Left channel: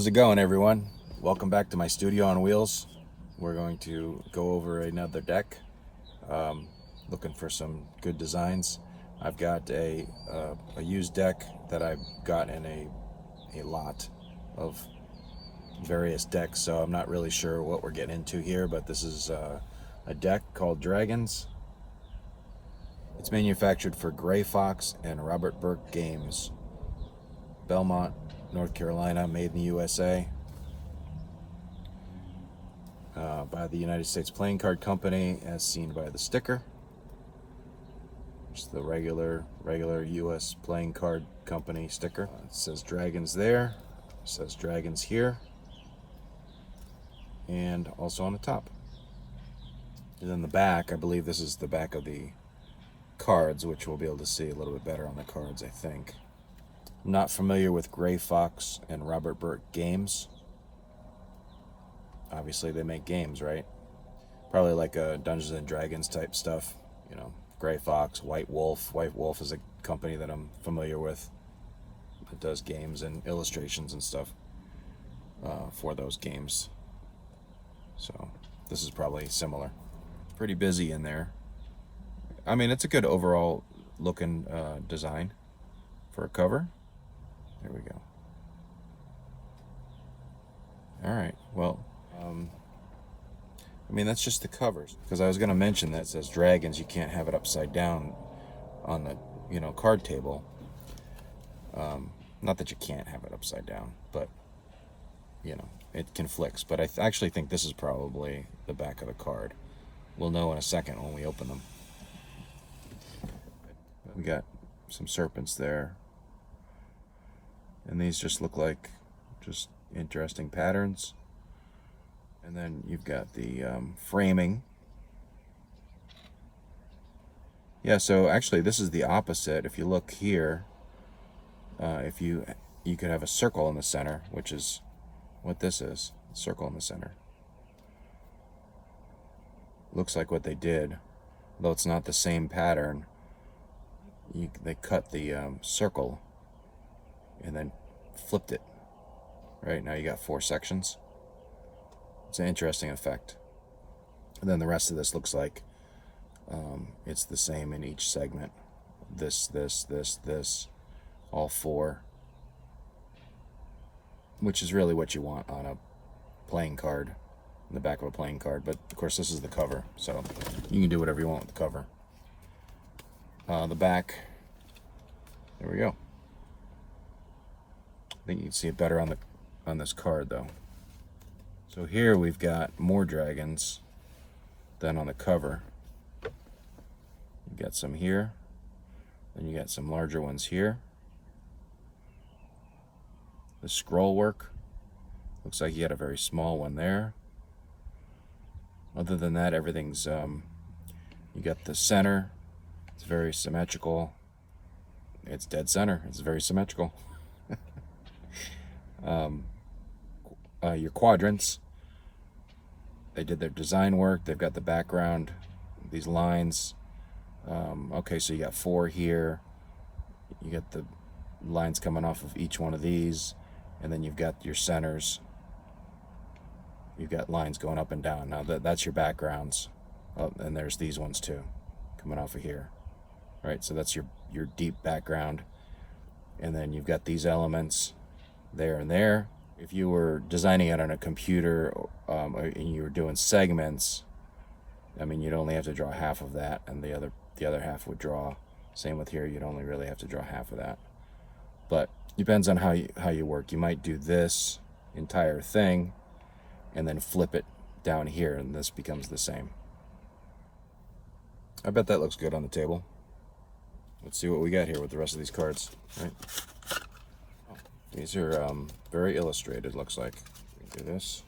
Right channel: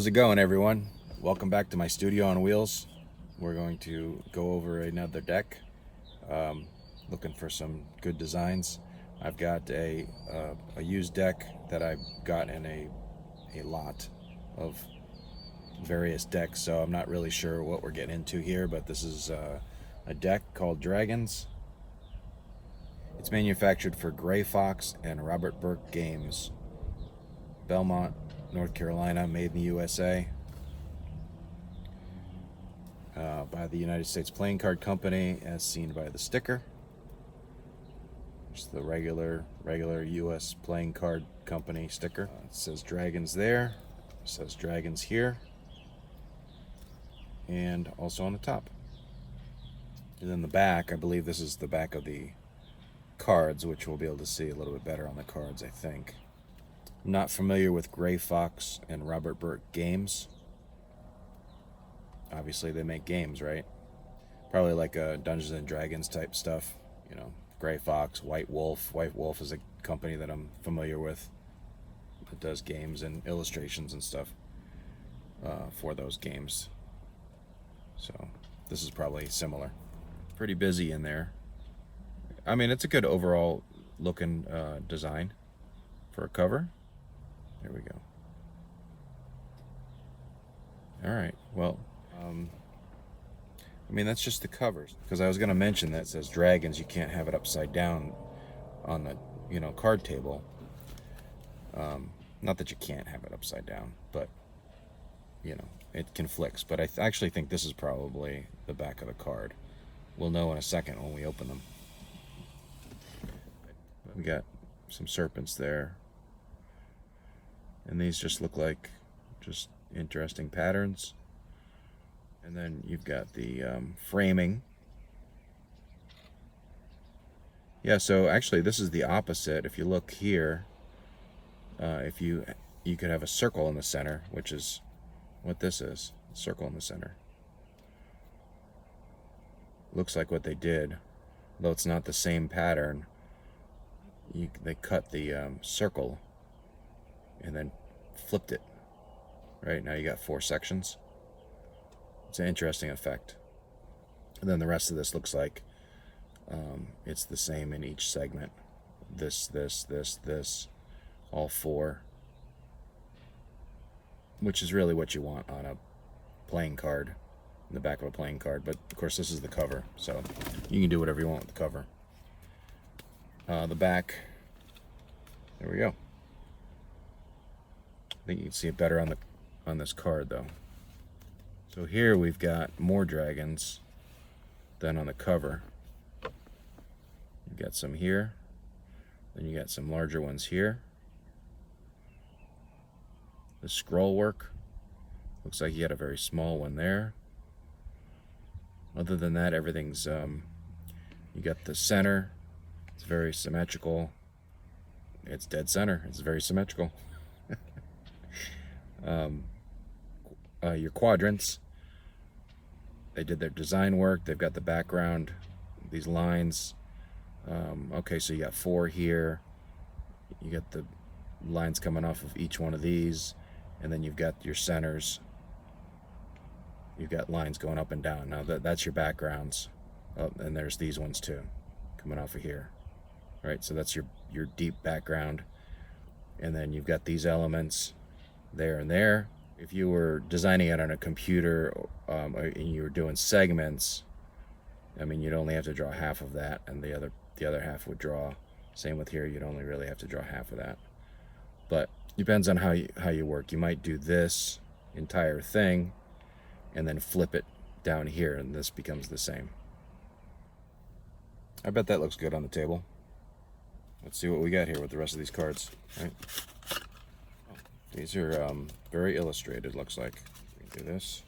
How's it going, everyone? Welcome back to my studio on wheels. We're going to go over another deck, looking for some good designs. I've got a used deck that I got in a lot of various decks, so I'm not really sure what we're getting into here, but this is a deck called Dragons. It's manufactured for GreyFox and Robert Burke Games, Belmont, North Carolina, made in the USA, by the United States Playing Card Company, as seen by the sticker. Just the regular US Playing Card Company sticker. It says Dragons there, it says Dragons here, and also on the top. And then the back, I believe this is the back of the cards, which we'll be able to see a little bit better on the cards, I think. I'm not familiar with GreyFox and Robert Burke Games. Obviously they make games, right? Probably like a Dungeons and Dragons type stuff, you know. GreyFox, White Wolf. White Wolf is a company that I'm familiar with that does games and illustrations and stuff for those games. So this is probably similar. Pretty busy in there. I mean, it's a good overall looking design for a cover. There we go. All right, well, I mean, that's just the covers, because I was going to mention that it says Dragons. You can't have it upside down on the, you know, card table. Not that you can't have it upside down, but, you know, it conflicts. But I actually think this is probably the back of the card. We'll know in a second when we open them. We got some serpents there, and these just look like just interesting patterns. And then you've got the framing. Yeah, so actually this is the opposite. If you look here, if you could have a circle in the center, which is what this is, a circle in the center. Looks like what they did, though it's not the same pattern. They cut the circle and then flipped it. Right, now you got 4 sections. It's an interesting effect. And then the rest of this looks like it's the same in each segment. This, all 4. Which is really what you want on a playing card, in the back of a playing card. But of course this is the cover, so you can do whatever you want with the cover. The back, there we go. I think you can see it better on this card though. So here we've got more dragons than on the cover. You got some here, then you got some larger ones here. The scroll work looks like you got a very small one there. Other than that, everything's you got the center. It's very symmetrical. It's dead center. It's very symmetrical. Your quadrants, they did their design work. They've got the background, these lines. Okay, so you got 4 here. You got the lines coming off of each one of these, and then you've got your centers. You've got lines going up and down. Now that's your backgrounds. Oh, and there's these ones too, coming off of here. Right, so that's your deep background. And then you've got these elements there and there. If you were designing it on a computer and you were doing segments, I mean, you'd only have to draw half of that, and the other half would draw. Same with here, you'd only really have to draw half of that. But depends on how you work. You might do this entire thing and then flip it down here, and this becomes the same. I bet that looks good on the table. Let's see what we got here with the rest of these cards. Right? These are very illustrated, looks like. Do this.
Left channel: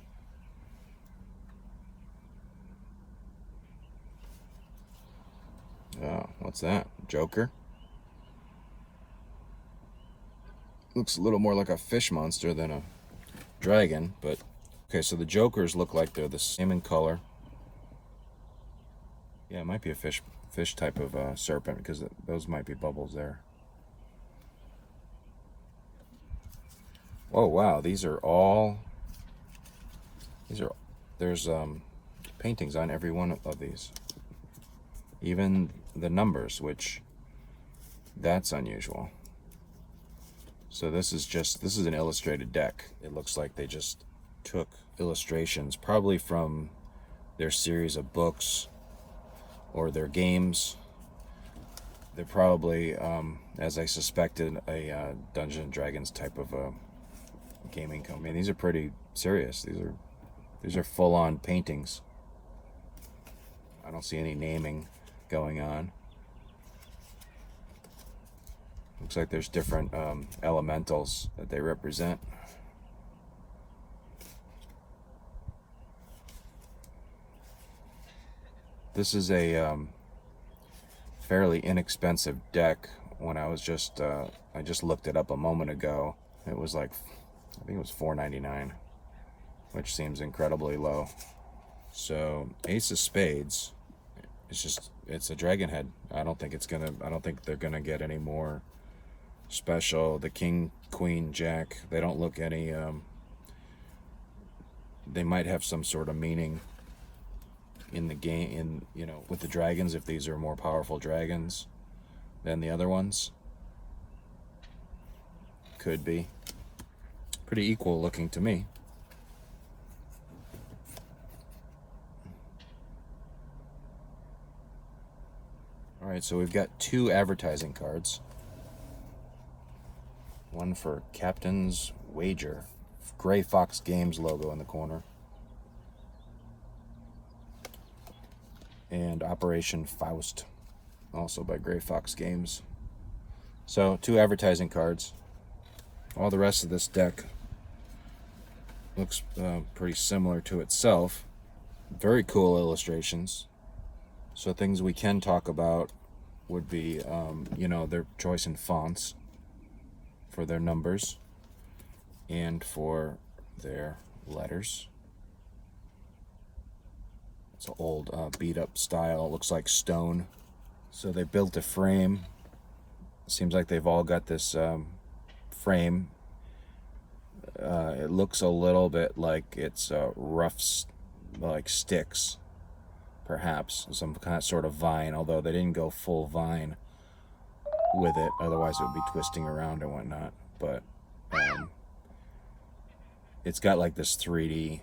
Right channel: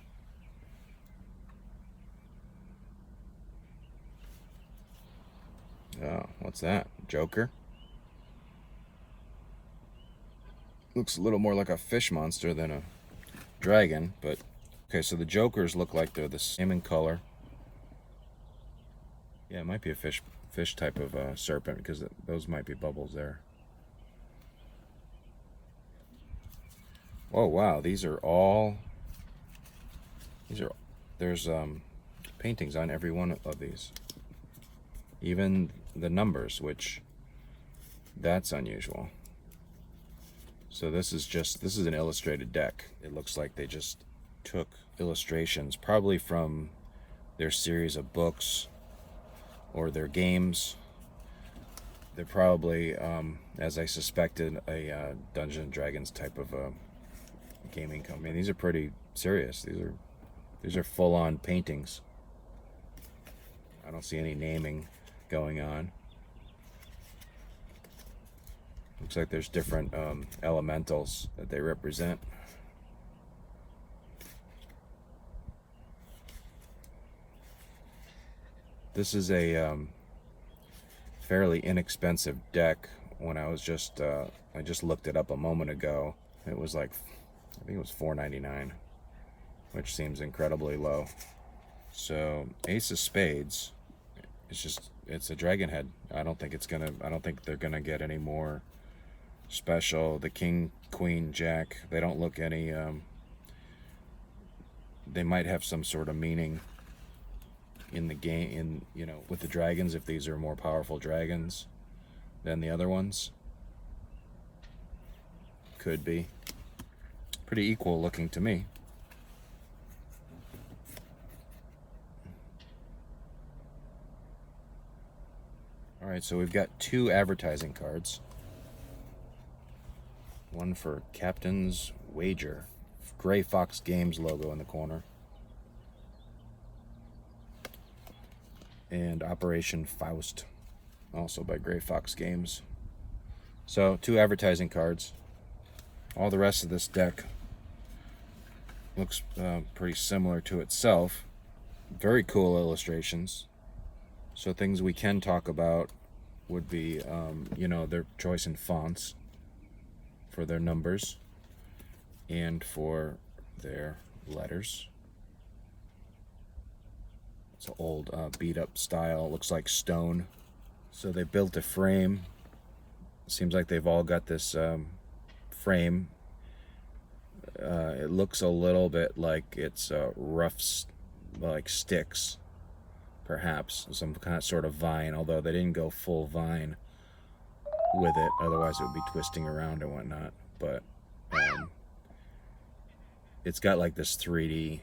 Oh, what's that? Joker? Looks a little more like a fish monster than a dragon, but okay, so the Jokers look like they're the same in color. Yeah, it might be a fish type of serpent, because those might be bubbles there. Oh wow, these are all, there's paintings on every one of these. Even the numbers, which, that's unusual. So this is an illustrated deck. It looks like they just took illustrations, probably from their series of books or their games. They're probably, as I suspected, a Dungeons and Dragons type of a gaming company. These are pretty serious. These are full-on paintings. I don't see any naming going on. Looks like there's different elementals that they represent. This is a fairly inexpensive deck. When I just looked it up a moment ago. It was like, I think it was $4.99, which seems incredibly low. So Ace of Spades, it's a dragon head. I don't think they're gonna get any more special. The King, Queen, Jack, they don't look any, they might have some sort of meaning in the game, with the dragons, if these are more powerful dragons than the other ones. Could be. Pretty equal looking to me. Alright, so we've got 2 advertising cards. One for Captain's Wager. GreyFox Games logo in the corner. And Operation Faust, also by GreyFox Games. So 2 advertising cards. All the rest of this deck looks pretty similar to itself. Very cool illustrations. So things we can talk about would be, their choice in fonts for their numbers and for their letters. It's an old beat up style. Looks like stone. So they built a frame. Seems like they've all got this frame. It looks a little bit like it's rough, like sticks, perhaps some kind of sort of vine, although they didn't go full vine with it, otherwise it would be twisting around and whatnot. But it's got like this 3D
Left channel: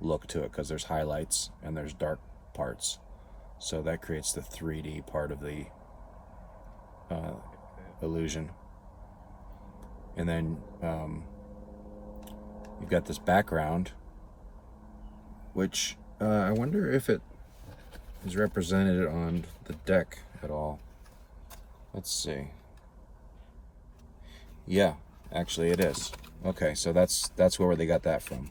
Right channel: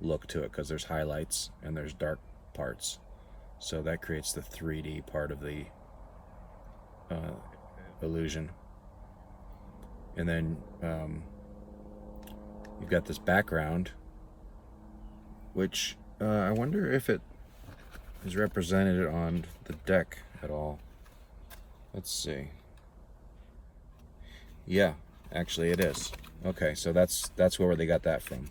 look to it because there's highlights and there's dark parts, so that creates the 3D part of the illusion. And then you've got this background, which I wonder if it is represented on the deck at all. Let's see. Yeah, actually it is. Okay, so that's where they got that from.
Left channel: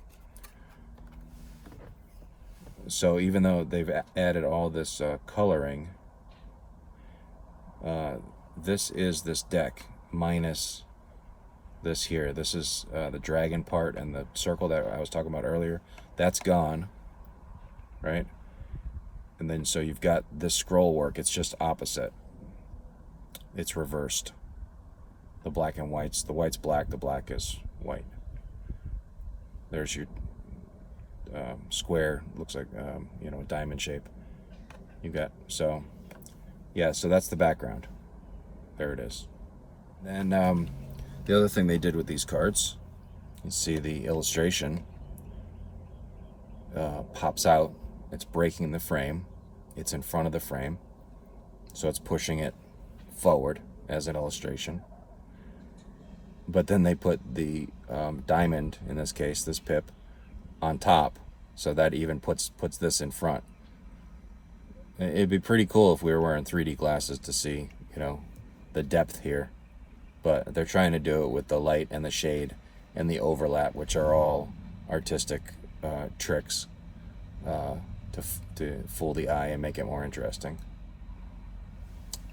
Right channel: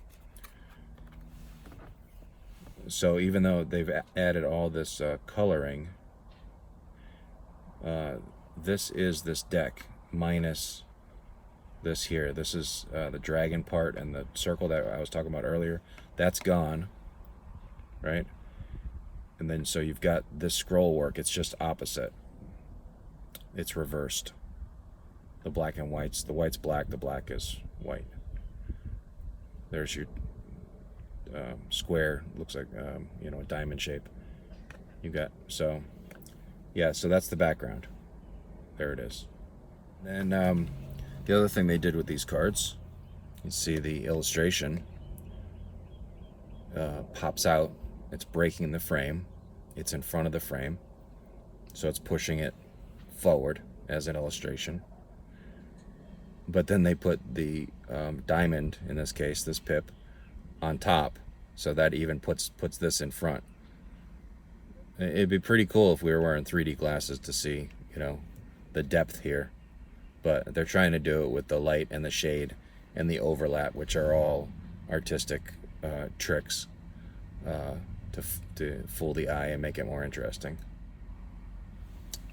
So even though they've added all this coloring, this is this deck minus this here. This is the dragon part, and the circle that I was talking about earlier, that's gone, right? And then so you've got this scroll work. It's just opposite. It's reversed. The black and whites. The white's black, the black is white. There's your square. Looks like a diamond shape. You've got, so yeah, so that's the background. There it is. And the other thing they did with these cards, you see the illustration pops out. It's breaking the frame. It's in front of the frame, so it's pushing it forward as an illustration. But then they put the diamond, in this case, this pip, on top, so that even puts this in front. It'd be pretty cool if we were wearing 3D glasses to see, the depth here. But they're trying to do it with the light and the shade and the overlap, which are all artistic tricks to fool the eye and make it more interesting.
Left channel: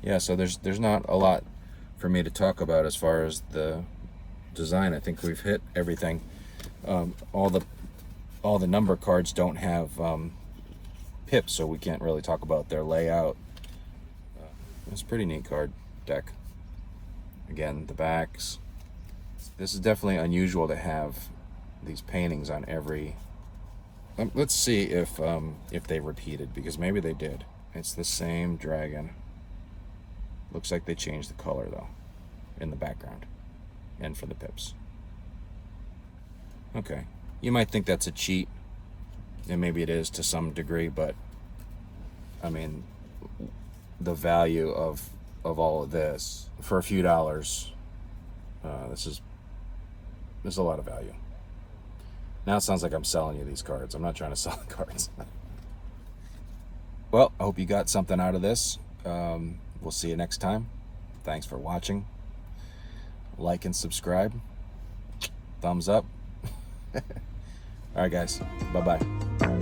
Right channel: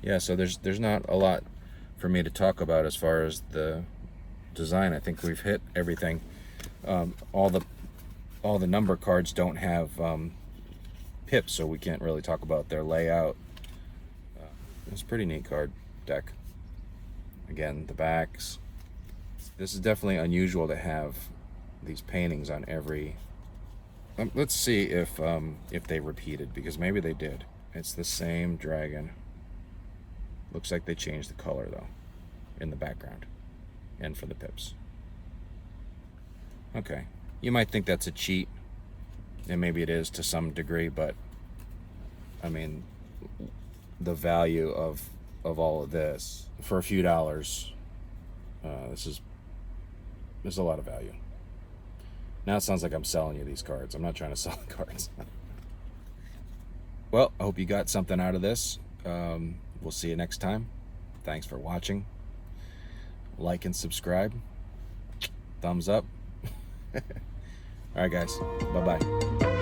Yeah, so there's not a lot for me to talk about as far as the design. I think we've hit everything. All the number cards don't have pips, so we can't really talk about their layout. It's a pretty neat card deck. Again, the backs, This is definitely unusual to have these paintings on every. Let's see if they repeated, because maybe they did. It's the same dragon. Looks like they changed the color though, in the background, and for the pips. Okay, you might think that's a cheat, and maybe it is to some degree, but I mean, the value of all of this for a few dollars, this is a lot of value. Now it sounds like I'm selling you these cards. I'm not trying to sell the cards. Well, I hope you got something out of this. We'll see you next time. Thanks for watching. Like and subscribe. Thumbs up. All right, guys. Bye-bye.